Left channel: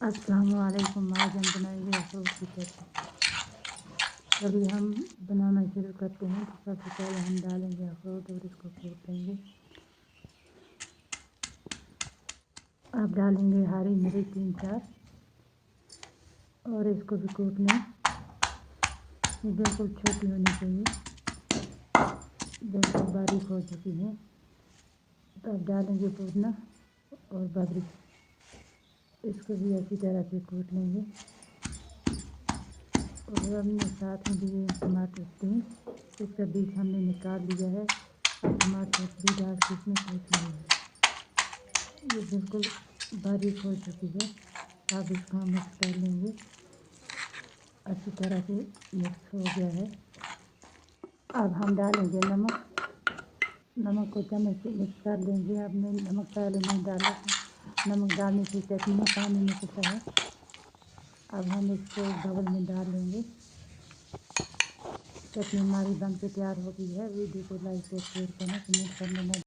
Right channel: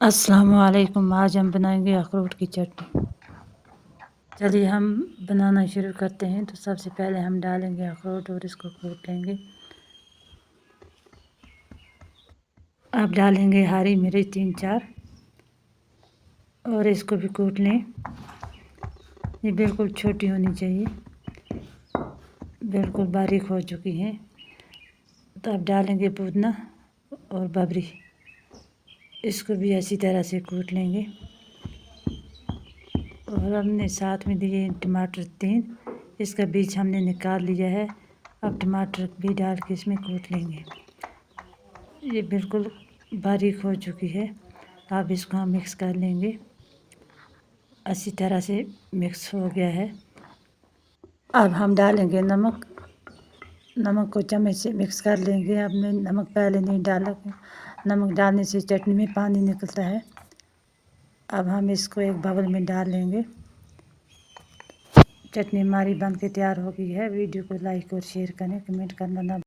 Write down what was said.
अस्सलामुअलैकुम। आज हम बनाएंगे अखरोट की चटनी। चलिए हम बनाना शुरू करते हैं। तो सबसे पहले हम डालेंगे अखरोट और इसको कूट लेंगे। अब डालेंगे हरी मिर्च 3-4 और इसको भी कूट लें। ये बिल्कुल छोटी होनी चाहिए, बिल्कुल बारीक हो चुकी है। तो अब डालेंगे पुदीना और बबरी, इसको भी अच्छी तरह से कूट लेंगे। और हमने साथ में दिए टमाटर 3, इसका बीज हमने निकाल लिया है। अब टमाटर भी डाल के इसमें कूट लेंगे। ये बिल्कुल बारीक हो चुकी है। अब इसको हम मिक्स कर लेंगे। अच्छी तरह से मिक्स हो गया है। अब हम डालेंगे नमक। नमक को चम्मच से मिक्स कर लेंगे। हमने नमक पहले नहीं डाला था। नमक डालने से चटनी में पानी निकलता है। अब हम इसको एक बाउल में डाल लेंगे। चटनी हमारी बन के तैयार हो गई है। वीडियो को लाइक और शेयर करना, कमेंट करना ना